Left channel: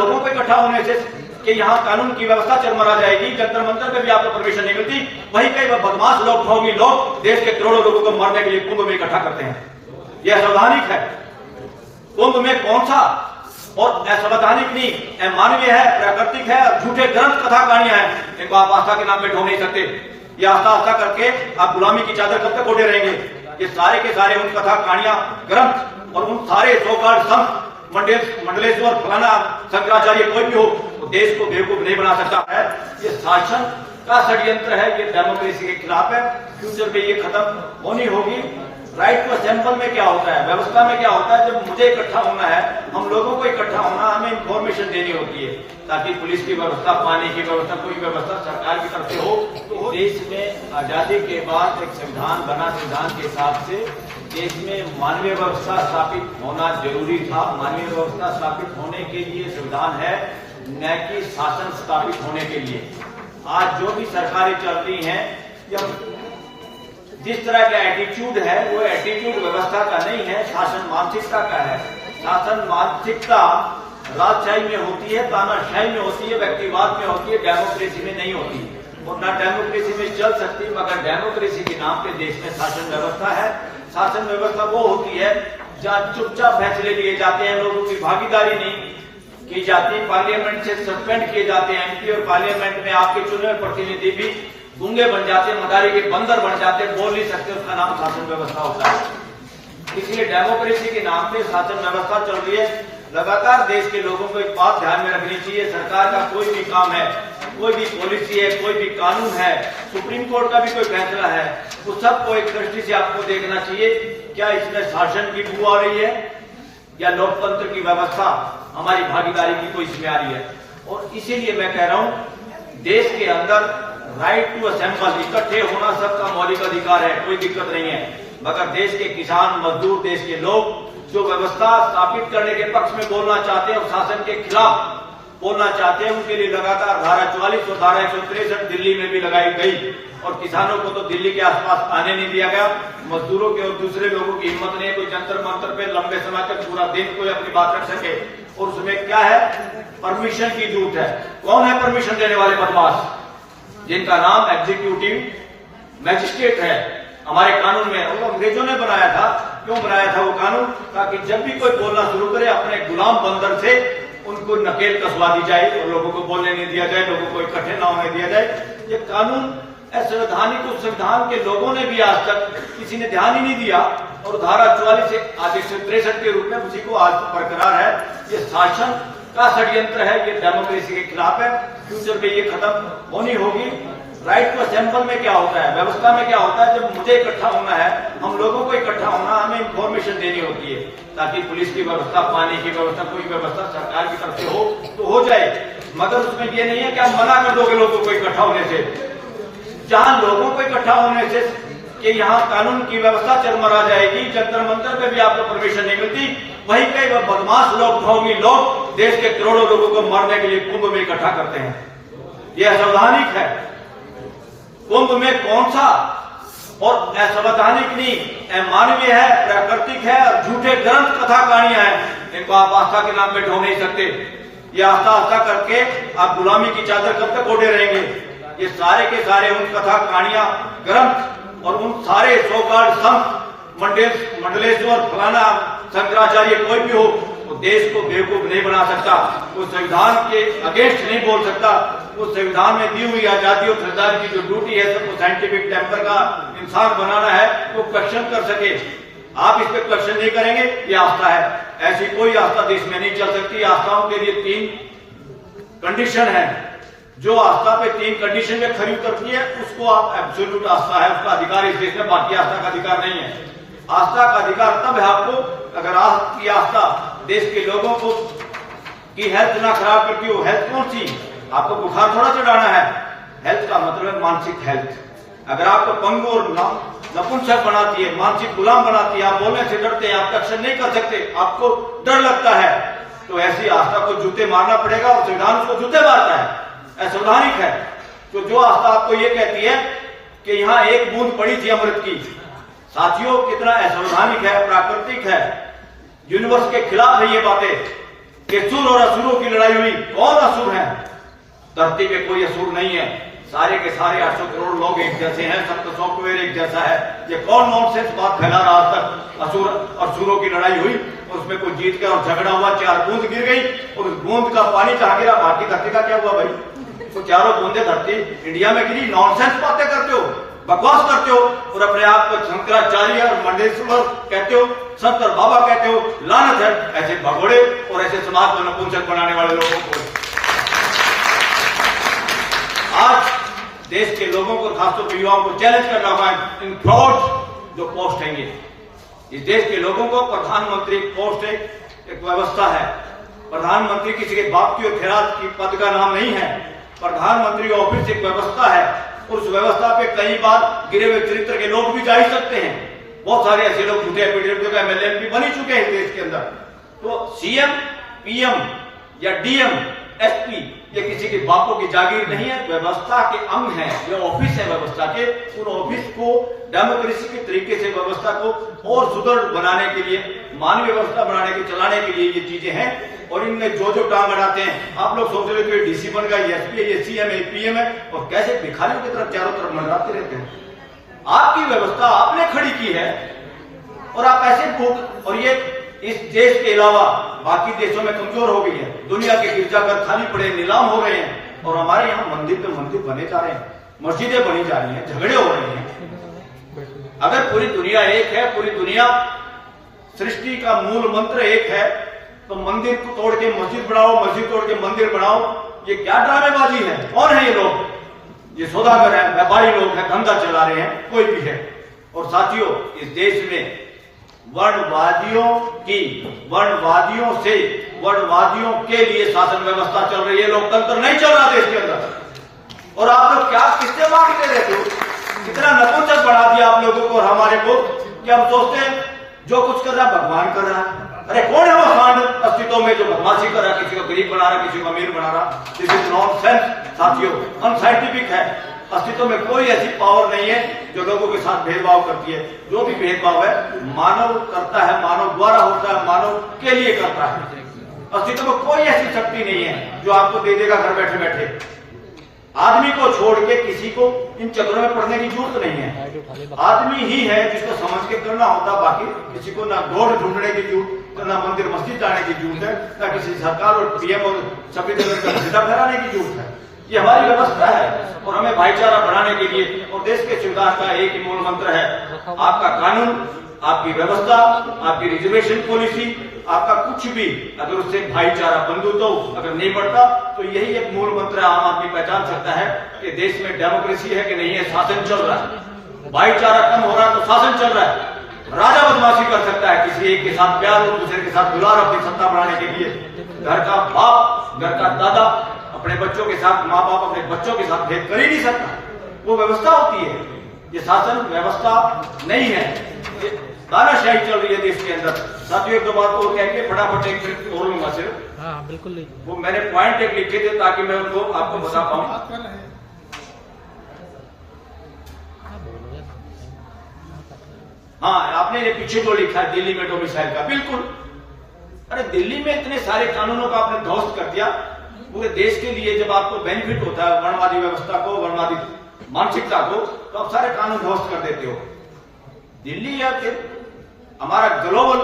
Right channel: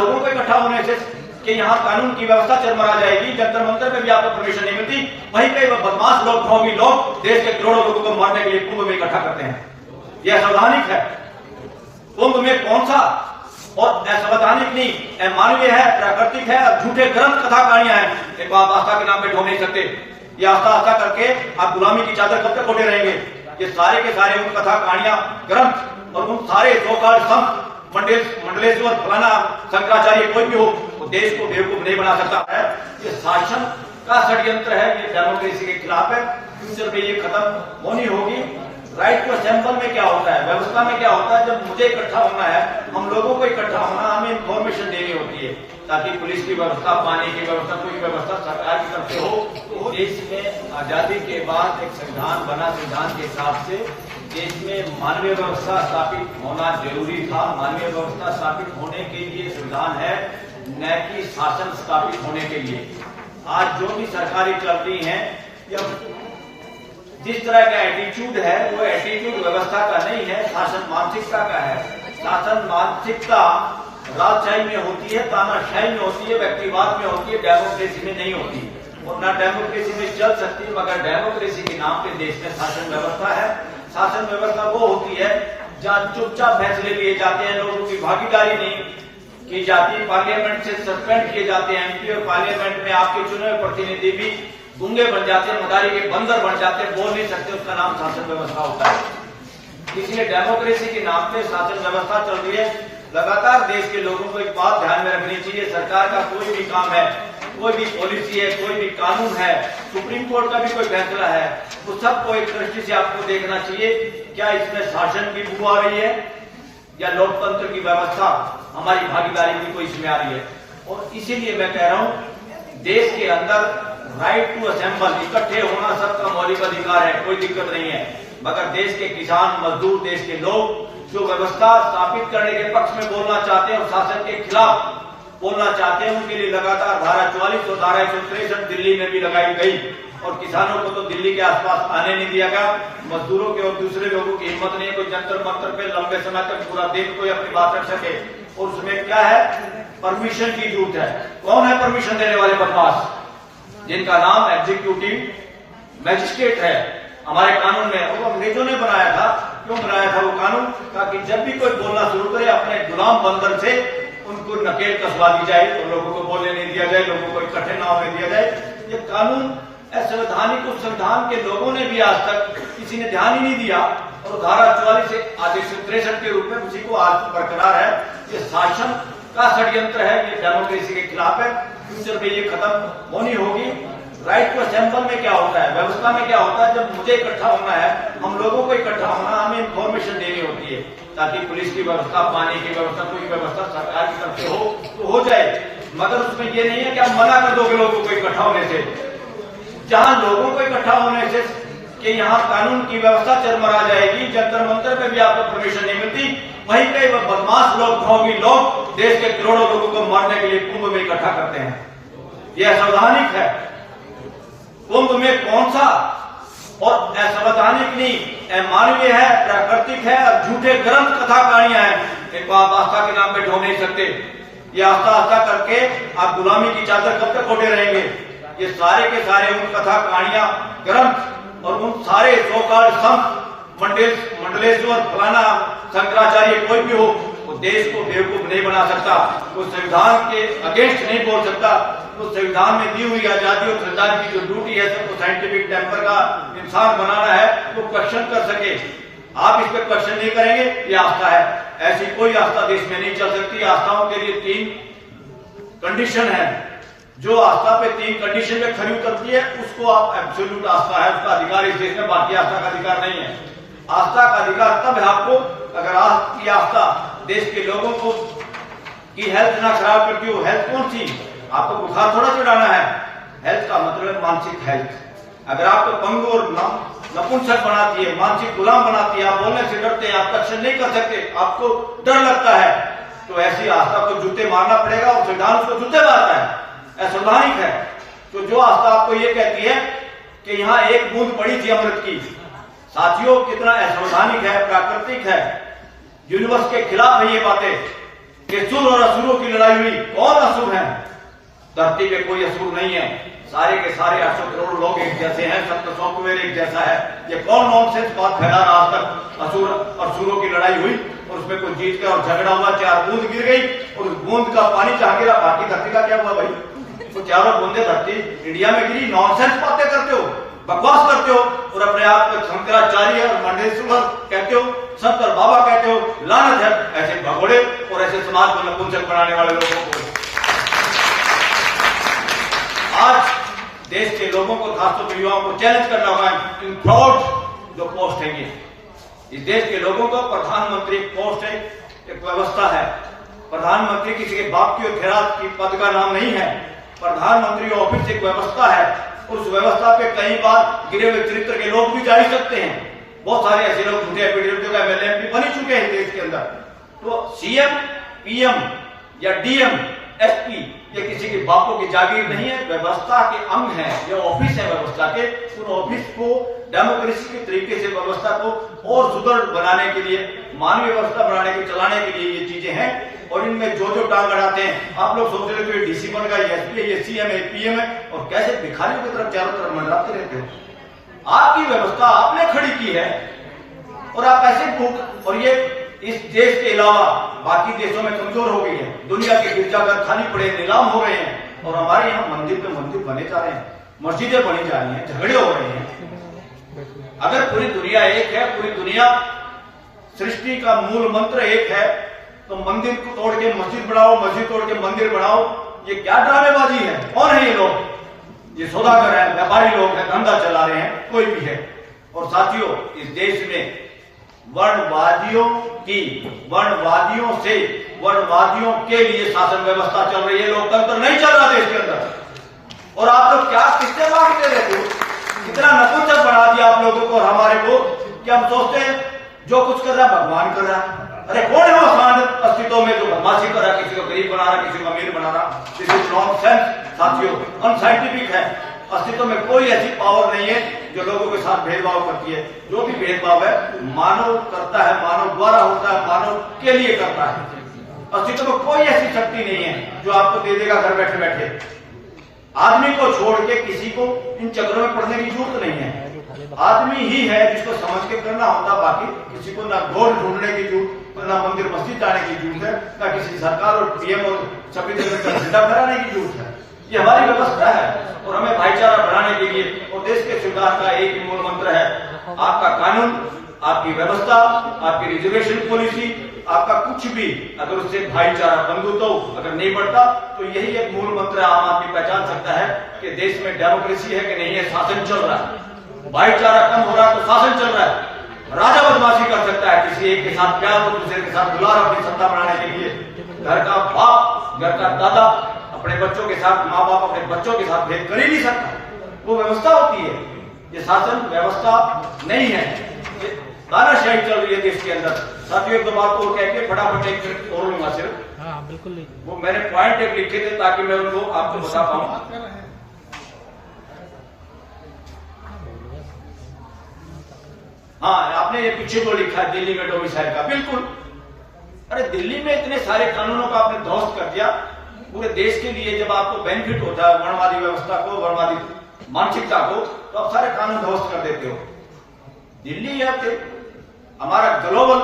लोगों को इकट्ठा होने से कि यहाँ कानून की व्यवस्था चरमरा जाएगी, जंतर मंतर पे भी आपको परमिशन नहीं मिलती, वहीं कई बदमाश लोग, ढोंगी लोग देश के करोड़ों लोगों को मारने के लिए कुंभ में इकट्ठा करते हैं। यह असंवैधानिक है। कुंभ में कौन सा और असंवैधानिक नहीं, अमानवीय है, प्राकृतिक है और झूठे ग्रंथ कथा कहानियां हैं। इनको आप आस्था के नाम पे ढो नहीं सकते। ये आस्था आस्था करके आप गुलामी की चादर कब तक ओढ़े रहेंगे? ये सारे के सारे उन कथा कहानियां, ग्रंथ और उन सारे सोकाल संत मंडलेश्वर फलाना शंकराचार्य कोई भी हो, वो देश को बेवकूफ नहीं बना सकता है। ये शासन का षड्यंत्र है, ये डेमोक्रेसी के खिलाफ है। फ्यूचर में ये खत्म होनी होगी। राइट टू असेंबल में क्या होता है, व्यवस्था में क्या होता है? जब मुझे इकट्ठा होना है, हम लोगों को इकट्ठा होना, हमें इंफॉर्मेशन देनी होती है ताकि पुलिस की व्यवस्था, पानी की व्यवस्था, कोई व्यवस्था सरकार की तरफ से हो। तो देश में आजादी के बाद एक संविधान बना, संविधान के हिसाब से देश में मानवीय व्यवस्था स्थापित होना जरूरी था। मानवीय व्यवस्था स्थापित होने के लिए संविधान है, न कि शासन स्थापित होने के लिए। आज जो भी सरकारें चल रही हैं या जिस तरह का एटीट्यूड है, वो एटीट्यूड व्यवस्था का नहीं है, शासन मानसिकता का है। शासन मानसिकता राजशाही में होती है, तानाशाही में होती है, व्यक्तिवाद में होती है, डेमोक्रेसी में नहीं होती। और न डेमोक्रेसी में चल सकती, मगर डेमोक्रेसी के नाम पे देश में शासन व्यवस्था है। शासन व्यवस्था वो होती है जहाँ चुपचाप फैसले लिए जाते हैं, लोगों की भागीदारी नहीं की जाती, पार्लियामेंट से सस्पेंड किए जाते हैं एमपी, और पार्लियामेंट में आपके चुने हुए प्रतिनिधि भी गूंगे बन जाते हैं, मदारी के बंदर बन जाते हैं, बोल नहीं सकते। उसका नाम शासन व्यवस्था होता है। इसलिए डेमोक्रेसी के नाम पे शासन व्यवस्था चल रही है। लगातार देश के लोगों को एक बात ध्यान में रखनी चाहिए, सरकार का कोई भी काम है, कोई भी पॉलिसी है, कोई भी कानून है, सुप्रीम कोर्ट का भी कोई फैसला है, तो सबको एक दृष्टि से आपको देखना चाहिए, क्या इसमें शासन की बू आ रही है या लोकतंत्र की व्यवस्था, हमारी भागीदारी की कोई इसमें आ रही है। और इसीलिए मैं कह रहा हूं, देश के अंदर राइट टू असेंबल, इकट्ठे होना सबका मौलिक अधिकार है, कोई दिक्कत नहीं है। मगर देश के किसान, मजदूर, देश के लोग जो व्यवस्था स्थापित करने के पक्ष में बोलना चाहते हैं और शासन के खिलाफ बोलना चाहते हैं, उनके लिए लगातार धारा 44 और धारा 163 दिल्ली में भी लगाई गई। और किसानों को तो दिल्ली के आसपास आने नहीं दिया गया। मजदूरों के और दूसरे लोगों की हिम्मत नहीं है कोई जंतर मंतर पे लंबे समय तक पूरा दिन कोई अपनी बात रख सके। और उसमें क्या है, परमिशन की जरूरत है। कौन है परमिशन देने वाले बदमाश? जिनका नाम एग्जीक्यूटिव मैजिस्ट्रेट है हमारे कानून में। और अंग्रेजों ने बनाया था। क्यों बनाया था वो कानून? ताकि जब भी कोई बोलना शुरू करे, अपने गुलाम बंदर से उनको नकेल कसवा दी जाए और लोगों को बोलने नहीं दिया जाए, लोगों को इकट्ठे न होने दिया जाए। ये कानून असंवैधानिक, उस संविधान के लोगों ने भी आज तक किसी ने ध्यान ही नहीं दिया। और धारा 44 से आज 163 के रूप में उसी को आज बरकरार है। ये शासन का षड्यंत्र है, ये डेमोक्रेसी के खिलाफ है। फ्यूचर में ये खत्म होनी होगी। राइट टू असेंबल में क्या होता है, व्यवस्था में क्या होता है? जब मुझे इकट्ठा होना है, हम लोगों को इकट्ठा होना, हमें इंफॉर्मेशन देनी होती है ताकि पुलिस की व्यवस्था, पानी की व्यवस्था, कोई व्यवस्था सरकार की तरफ से हो तो हो जाए। मगर उसमें ये नहीं है कि आप मना कर दोगे लोगों को इकट्ठा होने से। जहां लोगों को इकट्ठा होने से कि यहाँ कानून की व्यवस्था चरमरा जाएगी, जंतर मंतर पे भी आपको परमिशन नहीं मिलती, वहीं कई बदमाश लोग, ढोंगी लोग देश के करोड़ों लोगों को मारने के लिए कुंभ में इकट्ठा करते हैं। यह असंवैधानिक है। कुंभ में कौन सा और असंवैधानिक नहीं, अमानवीय है, प्राकृतिक है और झूठे ग्रंथ कथा कहानियां हैं। इनको आप आस्था के नाम पे ढो नहीं सकते। ये आस्था आस्था करके आप गुलामी की चादर कब तक ओढ़े रहेंगे? ये सारे के सारे उन कथा कहानियां, ग्रंथ और उन सारे सोकाल संत मंडलेश्वर फलाना शंकराचार्य कोई भी हो, वो देश को बेवकूफ नहीं बना सकता। वो संविधान के अगेंस्ट नहीं बोल सकता। वो संविधान में दी हुई आजादी और श्रद्धांजलि की जो ड्यूटी है, सबको साइंटिफिक टेम्पर का इंसान बनाना है, तो क्वेश्चन कर सके। आप इस पे क्वेश्चन नहीं करेंगे, ये आस्था है। ऐसी कोई आस्था देश में नहीं चल सकती। आस्थाओं के लिए 3 कंडीशन है। जो आस्था पे 3 कंडीशन में खरी उतरती है, उसको आप एब्सोल्यूट आस्था है, उसका अधिकार इस देश में, बाकी आस्था का अधिकार नहीं है। आस्था का अधिकार तब है आपको अगर आपकी आस्था देश के लोगों को की हेल्थ ना खराब करती हो। हेल्थ कौन सी? आपको बुखार थोड़ा चढ़ाना है। हेल्थ का मतलब है मानसिक हेल्थ। अगर आपको पंगु और नपुंसक बनाती है, मानसिक गुलाम बनाती है, आप बोलने से डरते हैं, आप क्वेश्चन नहीं कर सकते, आपको डर लगता है, तो ऐसी आस्था को जूते मारना पड़ेगा। और संविधान उसको जूते मारता है, असंवैधानिक है। तो जो आस्था आपको ये कहती है कि यहाँ एक बूंद पड़ी थी अमृत की, साथियों कितना असंवैधानिक है, प्राकृतिक है, यूनिवर्स के खिलाफ है ये बातें। कि सुर और असुरों की लड़ाई हुई। कौन असुर है? धरती पे कोई असुर नहीं है, सारे के सारे 800 करोड़ लोग एक जैसे हैं, सबका सॉफ्टवेयर एक जैसा है। ये कौन नॉनसेंस बात फैला रहा आज तक? असुर और सुरों की लड़ाई हुई और उसमें कोई जीत गया और झगड़ा हुआ, 4 बूंद गिर गई और उस बूंद का पानी चाह गिरा, बाकी धरती का क्या हुआ भाई? तो चारों बूंदे धरती इंडिया में गिरी। नॉनसेंस बातें करते हो, बकवास करते हो और अपने आप को शंकराचार्य और मंडेश्वर कहते हो, संत और बाबा कहते हो। लानत है ऐसे भगोड़े और ऐसे समाज को नपुंसक बनाने वाले लोगों को। आज देश के लोगों को, खासतौर पर युवाओं को चैलेंज करना होगा इन फ्रॉड जो पोस्ट है। ये इस देश के लोगों को प्रधानमंत्री पोस्ट एक व्यवस्था है। प्रधानमंत्री किसी के बाप की और खैरात की पद का नाम नहीं है। प्रधानमंत्री ऑफिस एक व्यवस्था है। उस व्यवस्था पे कई बार गिरे हुए चरित्र के लोग भी जा ही सकते हैं। बहुत सारे ऐसे लोग झूठे एफिडेविट का MLA MP बन ही चुके हैं देश के अंदर। तो CM, PM या DM, SP ये किसी के बापों की जागीर नहीं है, व्यवस्था के अंग है। ये ऑफिस है व्यवस्था के। उन ऑफिस को डेमोक्रेसी के तरीके से व्यवस्था को और सुदृढ़ बनाने के लिए, मानवीय व्यवस्था बनाने के, चलाने के लिए ये चीजें हैं। और इनमें जो जो टांग अड़ाते हैं, आप लोग सोच रहे हो ये DC बन गया, ये SP है, ये CM है, PM है, और कैसे भिखारियों की तरफ चारों तरफ मंडराते रहते हो। आपकी व्यवस्था आपने खड़ी की है और आप ऐसे भूख, और ये इस देश के अलावा बाकी देशों में कमजोर हो गई है। दुनिया के गिरजाघर खाली पड़े, नीलाम हो रहे हैं और हमारे यहाँ मंदिर पे मंदिर बने जा रहे हैं, मस्जिदें बनी जा रही हैं, झगड़े हो रहे हैं। अगर पूरी दुनिया एक है, पूरी दुनिया सृष्टि का मूल मंत्र एक है, तो मंदिर को तोड़ के मस्जिद बनाओ, मस्जिद तोड़ के मंदिर बनाओ, ये क्या ड्रामेबाजी है? कौन है ये लोग? ये सौदागर है, व्यापारी लोग हैं, धंधा चला रहे हैं, कोई भी है। और साथियों, इस देश में वर्णवादियों से वर्णवादियों के लिए शासन व्यवस्था चल रही है, लोकतंत्र नहीं चल रहा देश के अंदर। और आप लोग क्या किससे मांगते रहते हो? कितना नपुंसक बना दिया आप लोगों को और हमारे को कि हम सोचते हैं जो कुछ कर रहा है भगवान कर रहा है। अरे कौन है वो सांड अस्तित्व में जो बदमाशी कर रहा है, किसी को गरीब बना रहा, किसी को अमीर बना रहा? दिस इज नॉनसेंस साथियों, अनसाइंटिफिक है। अस्तित्व में कोई ऐसी पावर नहीं है जो लोगों के साथ भेदभाव करती है। जो भी भेदभाव है मानव करता है, मानव द्वारा होता है, मानव के लिए करता है। अस्तित्व में कोई ऐसी शक्ति नहीं है जो आपको दे देगा घर बैठे बैठे। आदमी को छोड़ के किसी को इन चक्रों में पड़ने की जरूरत नहीं है। आदमी ही है जिसको समझ के करना होता, बाकी किसी को ना गौर ढूंढने की जरूरत, ना मंदिर मस्जिद जाने की जरूरत है, ना किसी सरकार और PM और संविधान का झंडा फहराने की जरूरत है। ये हमारी व्यवस्था है और हमें भाईचारा बढ़ाने के लिए, और देश के संविधान का एक ही मूल मंत्र है, आपका कानून, आपकी व्यवस्था, आपकी रिजर्वेशन पॉलिसी, आपका कुछ भी अगर उससे भाईचारा बंधुत्व अगर नहीं बढ़ता तो यही एक मूल मंत्र आम आदमी पहचान सकता है कि देश में डेमोक्रेसी है कि नहीं है, शासन चल रहा है। भाईचारा कम हो रहा है तो शासन चल रहा है। राजा बदमाशी कर सकता है, किसी एक के साथ प्यार और दूसरे के साथ दुलार अपनी सत्ता बढ़ाने के लिए। घर का बाप, घर का दादा अपने बच्चों के साथ, माँ बाप अपने बच्चों के साथ भेद कर ही नहीं सकता। वो व्यवस्था होती है, ये शासन व्यवस्था नहीं है। ये तानाशाही चल रही है देश के अंदर। साथियों एक दो बात और कह के फटाफट एक मिनट और लूंगा सिर्फ। हाँ बिल्कुल, वो मैंने पॉइंट एक लिखे थे ताकि मैं उनको आपको बता पाऊं। हाँ, आपने ये पीछे जो लिखा है दिल्ली में डोमिसाइल का, बिल्कुल। अरे दिल्ली में इतने सारे कानूनों का आपने ध्वस्त कर दिया पूरे देश के लिए। जब आपको बेनिफिट होता है वर्णवादी व्यवस्था को, वर्णवादी मानसिकता को, तो आप सारे कानून ध्वस्त कर देते हो। दिल्ली या फिर हमारा ग्लोबल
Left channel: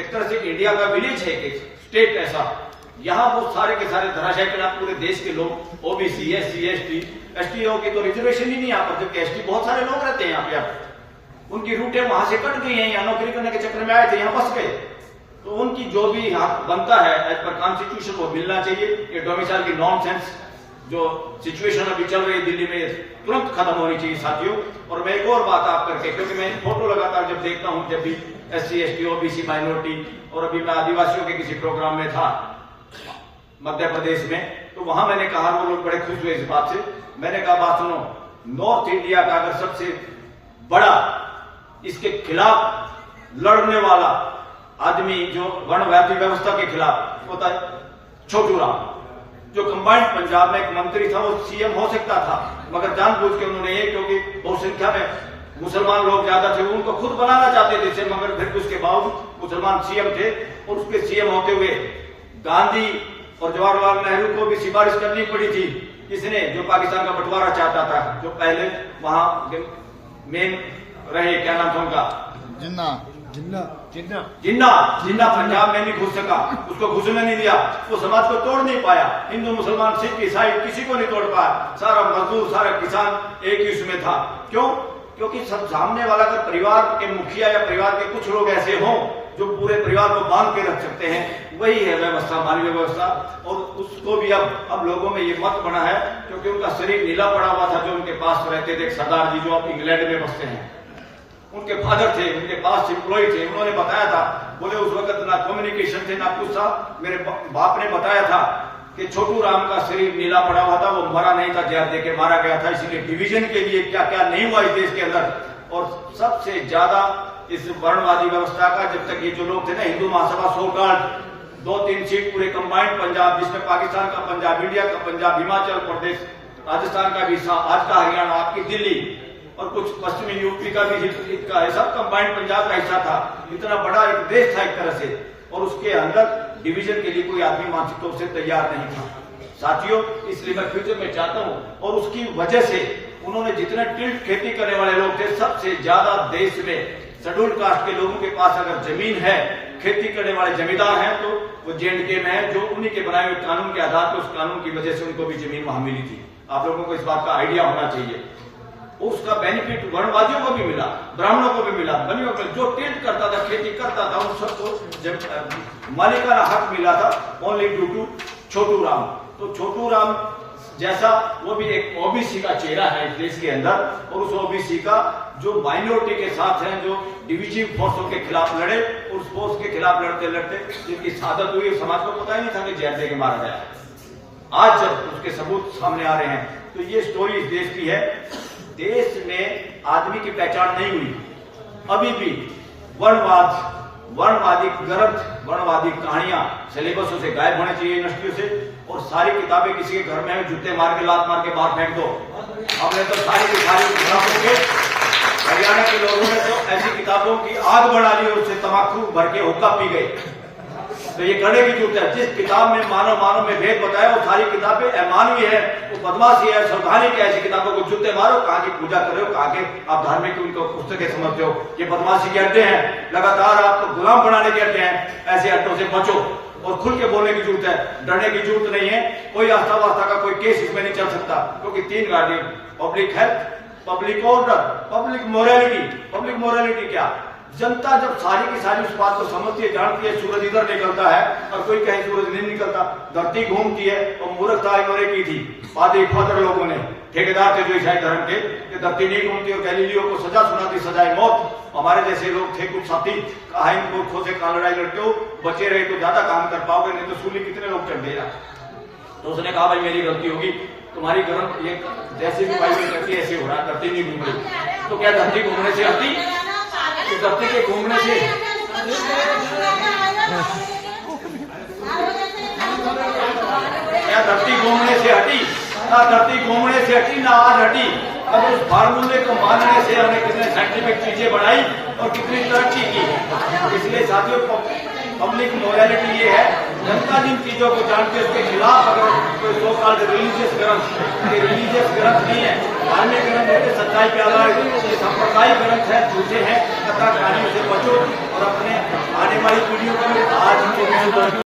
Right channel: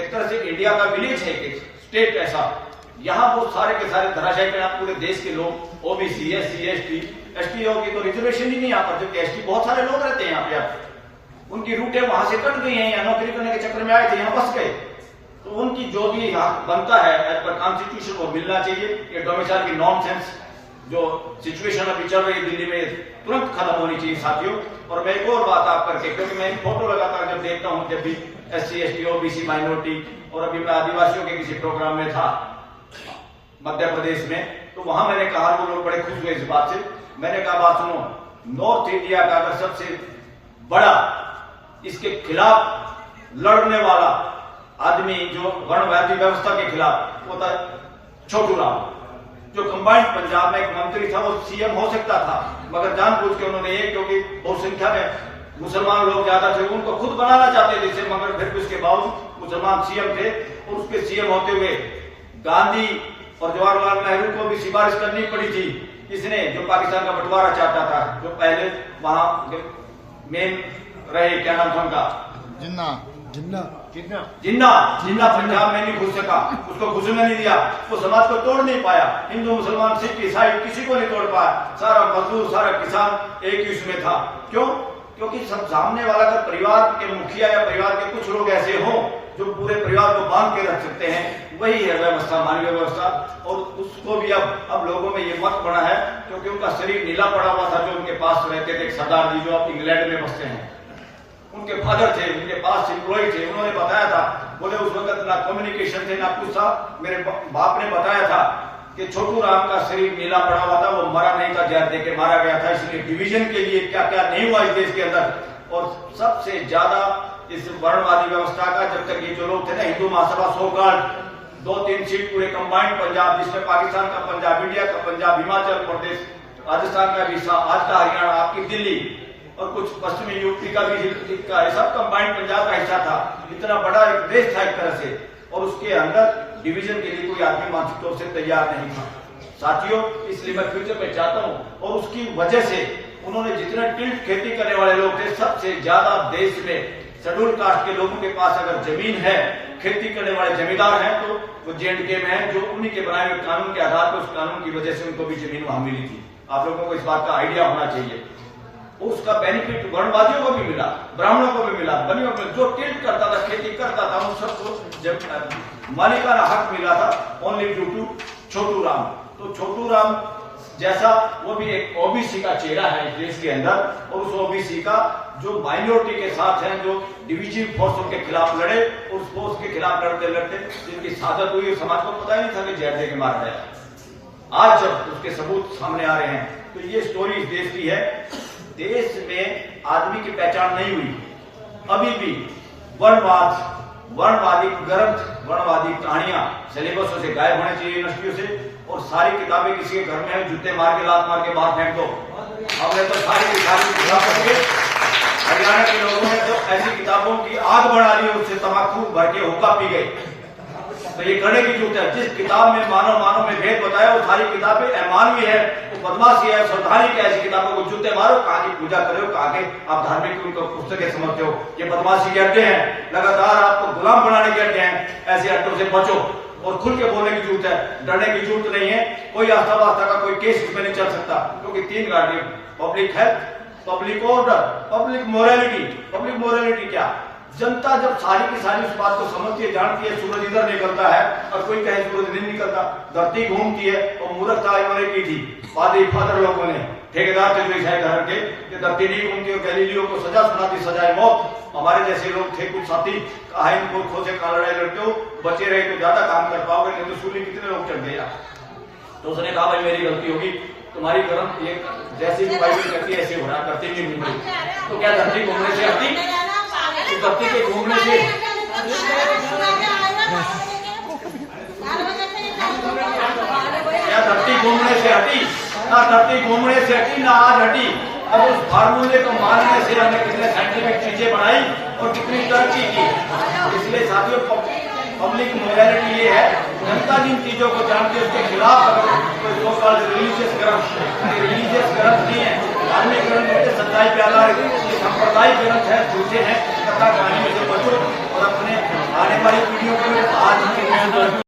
एक तरह से इंडिया का विलेज है, एक स्टेट ऐसा, यहाँ वो सारे के सारे धराशायी कर पूरे देश के लोग, OBC, SC, ST होगी तो रिजर्वेशन ही नहीं यहाँ पर, जबकि ST बहुत सारे लोग रहते हैं यहाँ पे। आप उनकी रूटें वहां से कट गई हैं, यहाँ नौकरी करने के चक्कर में आए थे, यहाँ बस गए, तो उनकी जो भी हक बनता है एज पर कॉन्स्टिट्यूशन वो मिलना चाहिए। ये डोमिसाइल की नॉनसेंस जो सिचुएशन अभी चल रही है दिल्ली में, तुरंत खत्म होनी चाहिए साथियों। और मैं एक और बात आप करके, क्योंकि मैं फोटो लगातार जब देखता हूं, जब भी SC, ST, OBC, माइनॉरिटी, और अभी मैं आदिवासियों के किसी प्रोग्राम में था मध्य प्रदेश में, तो वहां मैंने कहा, वो लोग बड़े खुश हुए इस बात से। मैंने कहा बात सुनो, नॉर्थ इंडिया का अगर सबसे बड़ा इसके खिलाफ लड़ने वाला आदमी जो वर्णवादी व्यवस्था के खिलाफ होता है, छोटू राम, जो कंबाइंड पंजाब में एक मंत्री था, वो CM हो सकता था, मगर जानबूझ के उन्होंने ये, क्योंकि बहुसंख्या में मुसलमान लोग ज्यादा थे, उनको खुद बनाना चाहते थे, मगर फिर उसके बावजूद मुसलमान CM थे, और उसके CM होते हुए गांधी और जवाहरलाल नेहरू को भी सिफारिश करनी पड़ी थी। किसने? जो पाकिस्तान का बंटवारा चाहता था, जो पहले वहां मेन रहे, क्या नाम था उनका? जिन्ना पंजाब में नहीं घुस सका, उसको घुसने नहीं दिया, वो समाज को तोड़ नहीं पाया। हिंदू मुसलमान सिख ईसाई किसी को नहीं तोड़ पाया। सारा मजदूर सारा किसान एक ही उसमें था। क्यों? क्योंकि सब सामने वाला अगर परिवार के मुखिया या परिवार के कुछ लोग ऐसे हों जो पूरे परिवार को बांध के रख सकते हैं, वही है व्यवस्था, मानवीय व्यवस्था। और उसको भी अब लोगों में ये मत बना है, क्योंकि उनका शरीर नीला पड़ा हुआ था जो उनके पास रहते थे, सरदार जी जो अब इंग्लैंड में बसते हैं। उनके फादर थे, उनके पास एम्प्लॉय थे, उन्होंने बताया था, बोले उस वक्त ना कम्युनिकेशन थे ना कुछ था। मेरे बाप ने बताया था कि छोटू राम का शरीर नीला पड़ा हुआ था, वो मरा नहीं था, जहर देके मारा गया था। इसलिए डिवीजन के लिए क्या क्या नहीं हुआ इस देश के अंदर। और सबसे ज्यादा इस वर्णवादी व्यवस्था का, जब तक ये जो लोग थे ना, हिंदू महासभा सोकाल्ड 2-3 सीट पूरे कंबाइंड पंजाब, जिसमें पाकिस्तान का पंजाब, इंडिया का पंजाब, हिमाचल प्रदेश, राजस्थान का भी हिस्सा, आज का हरियाणा, आपकी दिल्ली और कुछ पश्चिमी यूपी का भी हिस्सा है, सब कंबाइंड पंजाब का हिस्सा था। इतना बड़ा एक देश था एक तरह से, और उसके अंदर डिवीजन के लिए कोई आदमी मानसिक तौर से तैयार नहीं था साथियों। इसलिए मैं फ्यूचर में चाहता हूं, और उसकी वजह से उन्होंने जितने टिल्ट खेती करने वाले लोग थे, सबसे ज्यादा देश में शेड्यूल कास्ट के लोगों के पास अगर जमीन है, खेती करने वाले जमींदार हैं, तो वो J&K में है, जो उन्हीं के बनाए हुए कानून के आधार पर, उस कानून की वजह से उनको भी जमीन वहां मिली थी। आप लोगों को इस बात का आइडिया होना चाहिए। उसका बेनिफिट वर्णवादियों को भी मिला, ब्राह्मणों को भी मिला, बनियों को, जो टिल्ट करता था, खेती करता था, उन सबको जब मालिकाना हक मिला था, only due to Chhotu Ram. तो छोटू राम जैसा वो भी एक ओबीसी का चेहरा है इस देश के अंदर, और उस ओबीसी का जो माइनॉरिटी के साथ हैं, जो डिविजिव फोर्सों के खिलाफ लड़े, और उस फोर्स के खिलाफ लड़ते लड़ते जिनकी शहादत हुई, समाज को पता ही नहीं था कि जहर देके मारा गया। आज जब उसके सबूत सामने आ रहे हैं, तो ये स्टोरी इस देश की है। देश में आदमी की पहचान नहीं हुई, अभी भी वर्णवाद, वर्णवादी ग्रंथ, वर्णवादी कहानियां सिलेबसों से गायब होने चाहिए यूनिवर्सिटियों से। और सारी किताबें किसी के घर में है, जूते मार के, लात मार के बाहर फेंक दो। हमने तो सारी किताबें, हरियाणा के लोगों ने तो ऐसी किताबों की आग बढ़ा ली, उससे तमाकू भर के हुक्का पी गए। तो ये करने की जरूरत है। जिस किताब में मानव में भेद बताया, वो सारी किताबें अमानवीय है, वो बदमाशी है, संवैधानिक है। ऐसी किताबों को जूते मारो, कहाँ की पूजा कर रहे हो, कहाँ के आप धार्मिक उनको पुस्तकें समझते हो। ये बदमाशी के अड्डे हैं, लगातार आपको गुलाम बनाने के अड्डे हैं। ऐसे अड्डों से बचो, और खुल के बोलने की जरूरत है, डरने की जरूरत नहीं है। कोई आस्था वास्ता का कोई केस इसमें नहीं चल सकता, क्योंकि 3 गाड़ी, public health, public order, public morality. Public morality क्या? जनता जब सारी की सारी उस बात को समझती है, जानती है, सूरज इधर निकलता है और कोई कहे सूरज नहीं निकलता, धरती घूमती है, और मूर्खता इन्होंने की थी फादर लोगों ने, ठेकेदार थे जो ईसाई धर्म के, कि धरती नहीं घूमती, और गैलीलियो को सजा सुनाती, सजाए मौत। हमारे जैसे लोग थे कुछ साथी, कहा इन मूर्खों से कहा लड़ाई लड़ते हो, बचे रहे तो ज्यादा काम कर पाओगे, नहीं तो सूली कितने लोग चढ़ गए। तो उसने कहा भाई मेरी गलती होगी, तुम्हारी गर्म ये जैसे भी बाइबल करती है ऐसे हो रहा, धरती नहीं घूम रही। तो क्या धरती घूमने से हटी? तो धरती के घूमने से क्या धरती घूमने से हटी? ना धरती घूमने से हटी, ना आज हटी। अब उस फार्मूले को मानने से हमने कितने साइंटिफिक चीजें बनाई और कितनी तरक्की की। इसलिए साथियों, पब्लिक मोरालिटी ये है, जनता जिन चीजों को जानती है उसके खिलाफ अगर कोई सो कॉल्ड रिलीजियस ग्रंथ, रिलीजियस ग्रंथ नहीं है, धार्मिक ग्रंथ होते, सच्चाई पे आधारित, ये सांप्रदायिक ग्रंथ है, झूठे हैं, कथा कहानियों से बचो, और अपने आने वाली पीढ़ियों को आज